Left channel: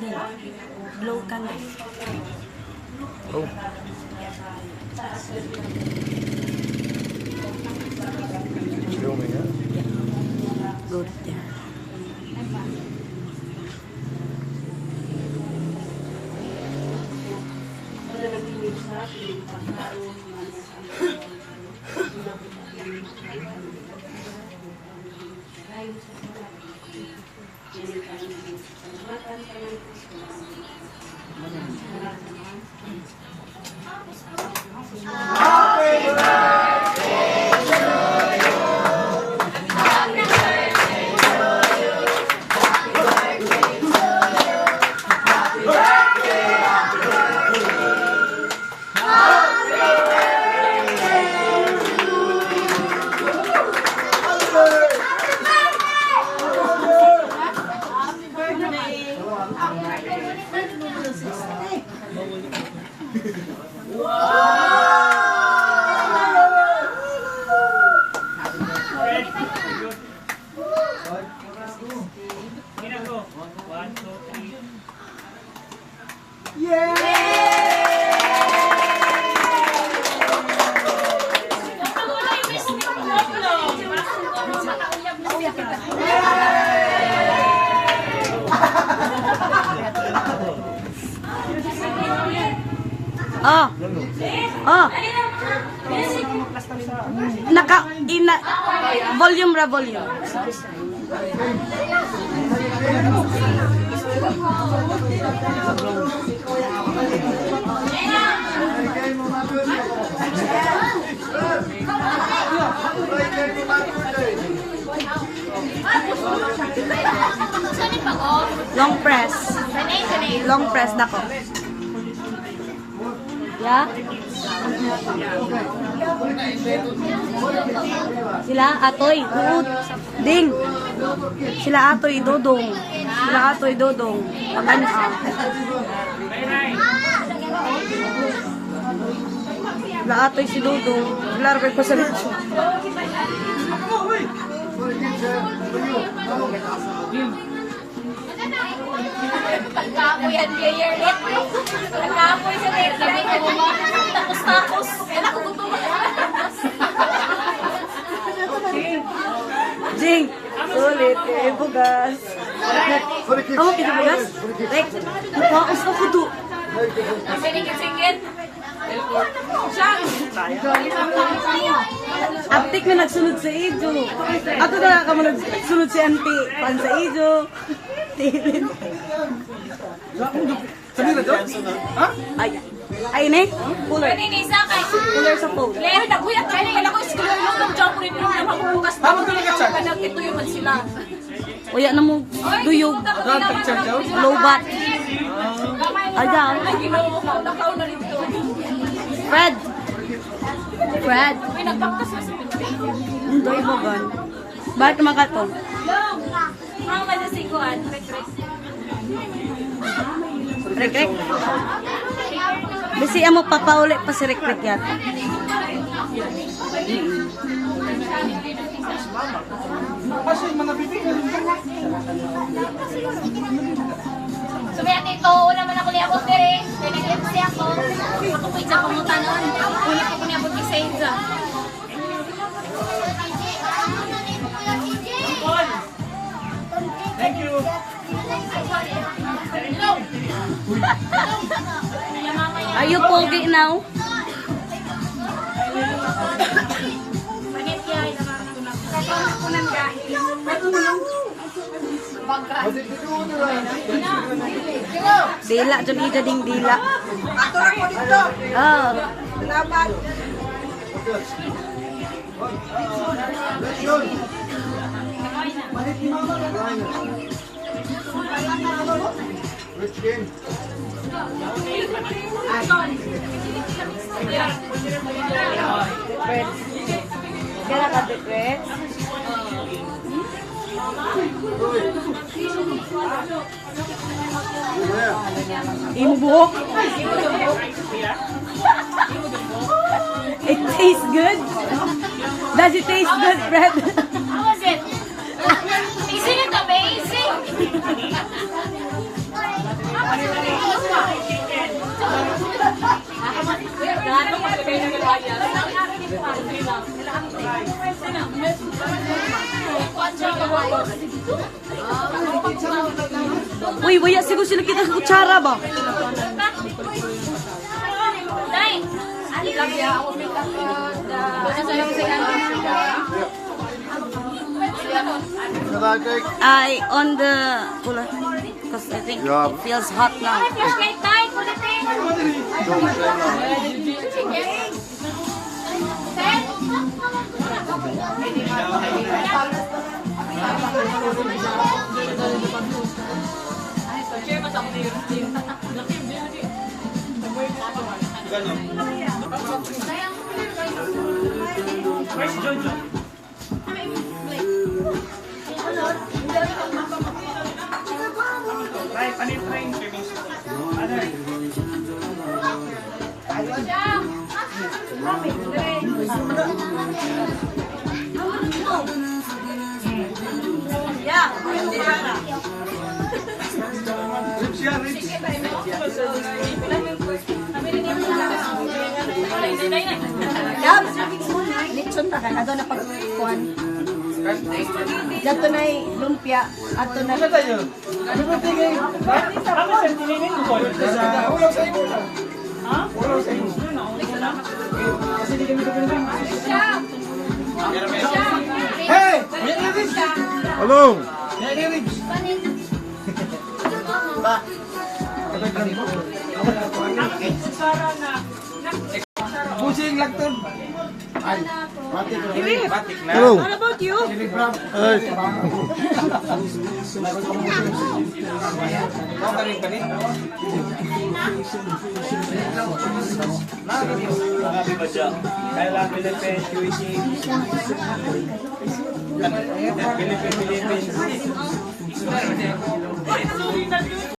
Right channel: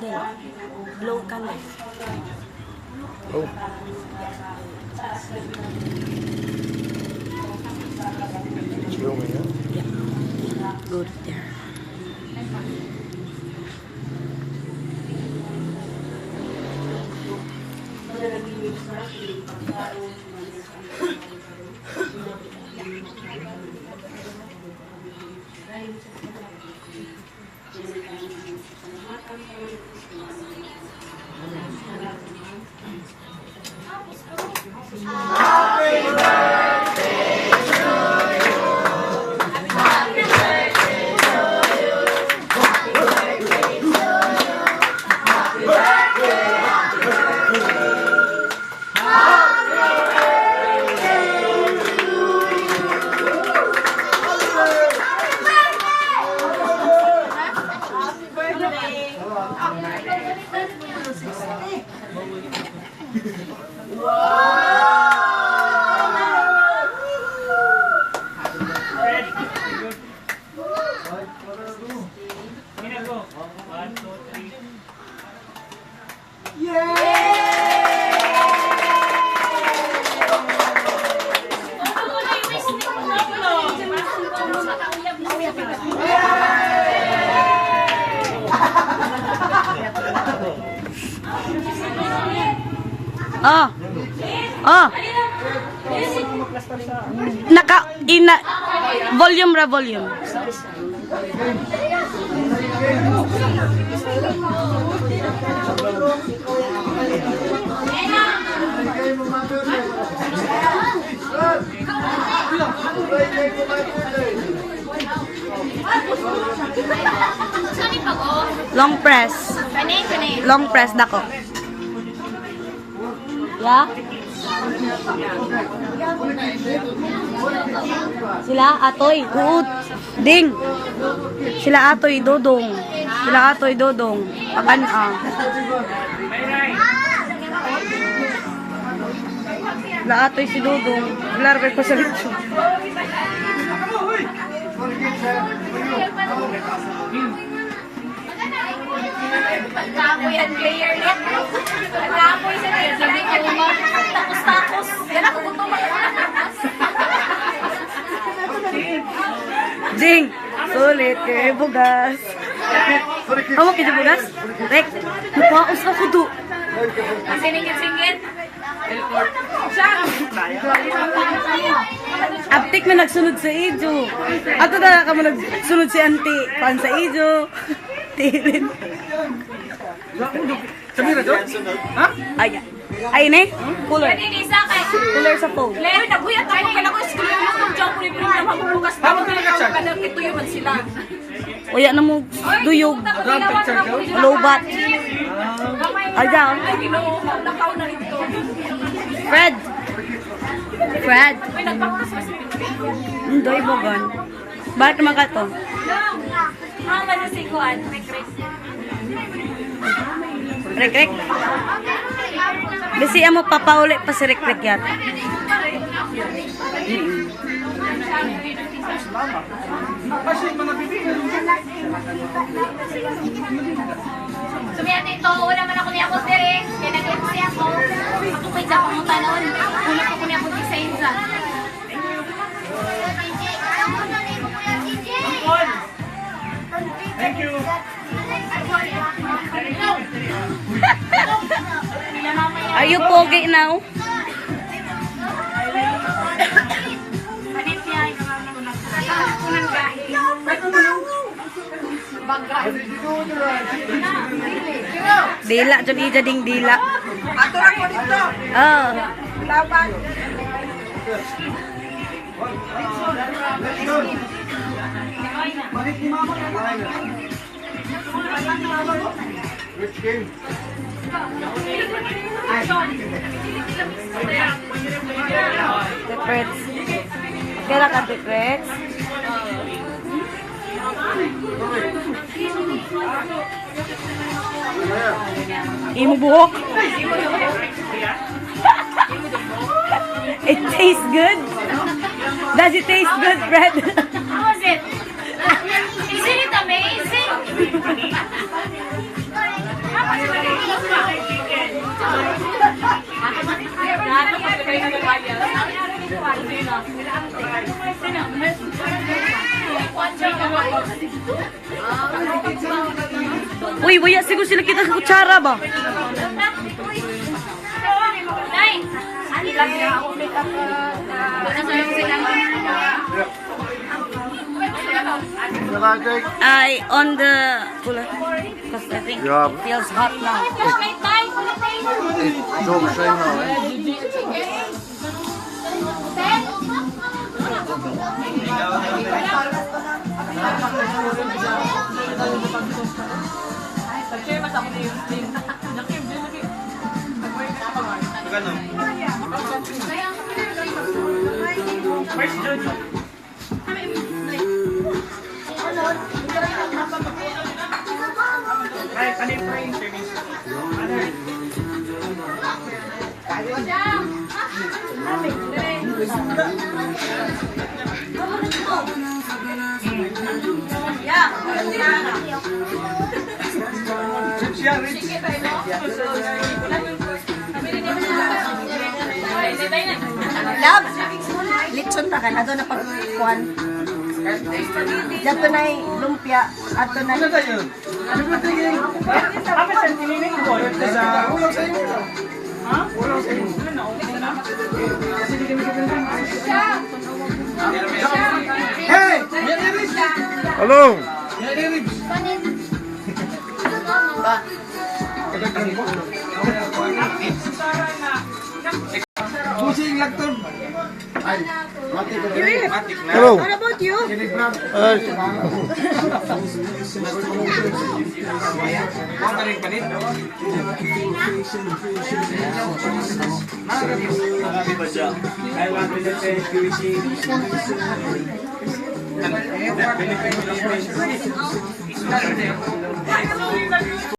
candle. Blow candle. Oh. Show me, huh? Yeah. Good. Yeah. Oh. Oh. Volume ra volume. Long press. Long press dako. Ya. Sila atoy, uud, ding. Sila atoy dodong. Sila atoy dodong. Pagan Sila atoy si dodong. Wala rin ko sa litso. Pagkapoy ang player net. Pagkapoy sa player net. Tapos. Yan ako tutumak. Ding. Sulit kay bugas. Ako kay bugas? Rek. Napaus ako do. Singit. Aptik na nagsunod sa ijo. Ako na ka mo nagsunod si auntie. Pan sa ijo. Tilin. Sabi na doon? Ha? Ay ne? Cooler. Isa kay. Cooler sa phone. Lero, nabuyat ako kaya ako iskulo yung ng jump rin na mabubukas na. Tama ka nag-chat? Ito yung man sila. Uya na mo duyog. Lobat. Aja. Ay, nakaw na rito. Fred. Uy, nagpaptas na si Pinto. Hindi bagan. Bakit naman ka to? Mama na si Kuan. Rek. Bisi mo papauli pa si Rek yata. Kasi mga bibigyan. Sumiyat ito, una man ako niya ako dire. Pinag-lip siya ako. Matupay sa akong kanon. Hindi ako niya akong design sa. Thank you. Are you pogi now? Dila, dyan ija ding dila. Ato lang ko dito. Oh. Laban. Balik ni mama ka na. Rich game. Deprets. Kira ka deprets? Imo buhok? It tastes good? Does it taste good, Fred? How was it? Isn't it amazing? Uy, waya siguro sila kita sa kutsara ba? Day! Ano lang siya? Ako may kaka... Nasa lang sila. I on the cooler. Because I think Yeah. it feels hot now. Flashlight tayo! Kulutin! Set! Where's Jojo? Try, palit try yung service. Ano? Chips yan, Rich. Lab, litson na ka na doon na pagkuhan. Dato na lumpia, ato na. Ano tayo? Ano ba tingin? Kami sa tininin ko. Ulang sa inyo. Ha? Ulang sa inyo. Kasi di kami kami. Hey! Yan Rich! Hello. Yan Rich! Pusing lagton. Ay, mati ko. Matik na. Hello. What about you? Ako na rin palit. Kailan pinipin, QC. Pinipin.